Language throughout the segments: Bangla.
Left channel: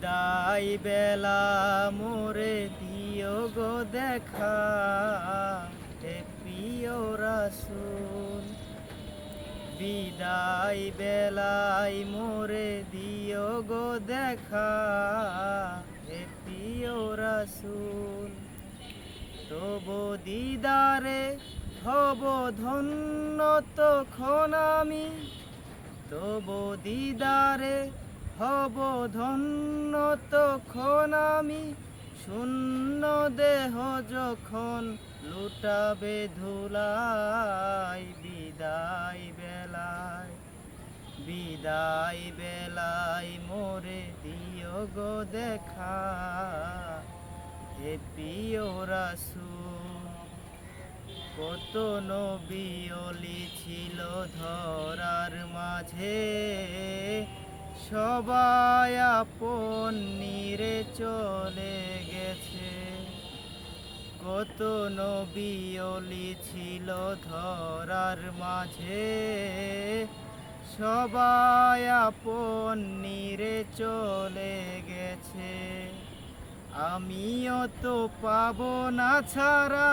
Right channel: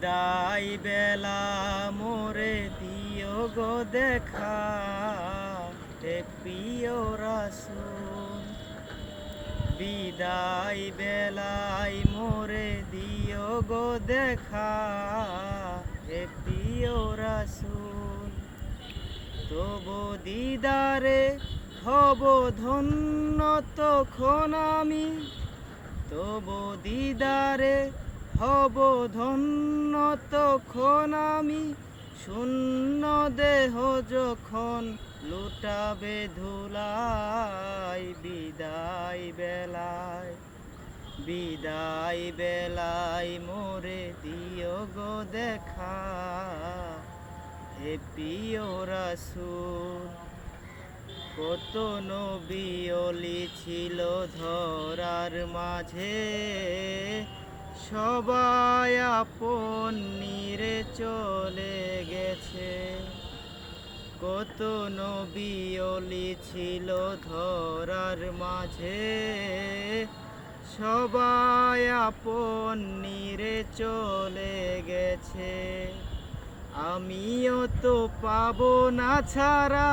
বিদায় বেলা মোরে দিও গো দেখা, হে প্রিয় রাসূল। বিদায় বেলায় মোরে দিও গো দেখা, হে প্রিয় রাসূল। তবু দিদারে হব ধন্য তখন আমি, তবু দিদারে হব ধন্য তখন আমি। শূন্য দেহ যখন লুটাবে ধুলাই, বিদায় বেলায়, বিদায় বেলায় মোরে দিও গো দেখা, হে প্রিয় রাসূল। কত নবী ওলি ছিল ধরার মাঝে, সবাই আপন নিরে চলে গেছে। কত নবী ওলি ছিল ধরার মাঝে, সবাই আপন নিরে চলে গেছে। আমিও তো পাবো না ছাড়া,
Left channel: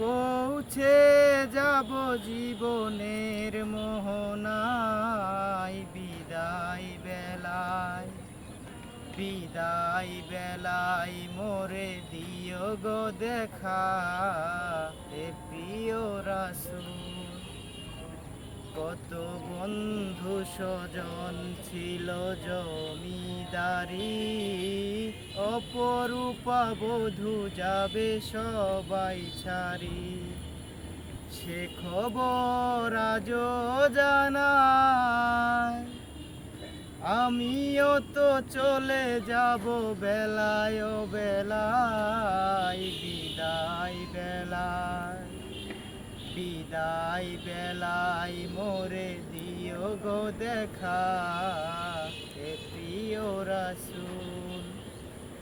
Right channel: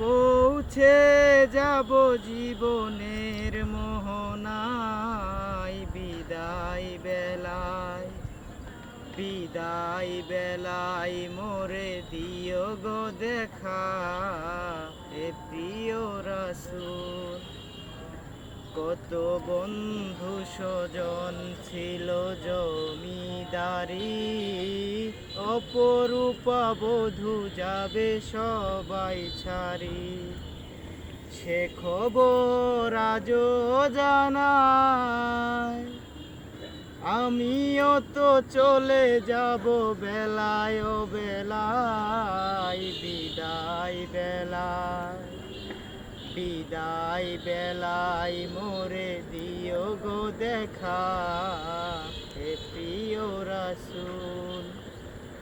পৌঁছে যাব জীবনের মোহনায়। বিদায় বেলায়, বিদায় বেলায় মোরে দিও গো দেখা, হে প্রিয় রাসূল। কত বন্ধু স্বজন ছিল জমিদারি, অপরূপা বধূ যাবে সবাই ছাড়ি। সে খবর আজও জানায়, আমিও তো চলে যাব বেলায় ও বেলায়। বিদায় বেলায়, বিদায় বেলায় মোরে দিও গো দেখা, হে প্রিয় রাসূল।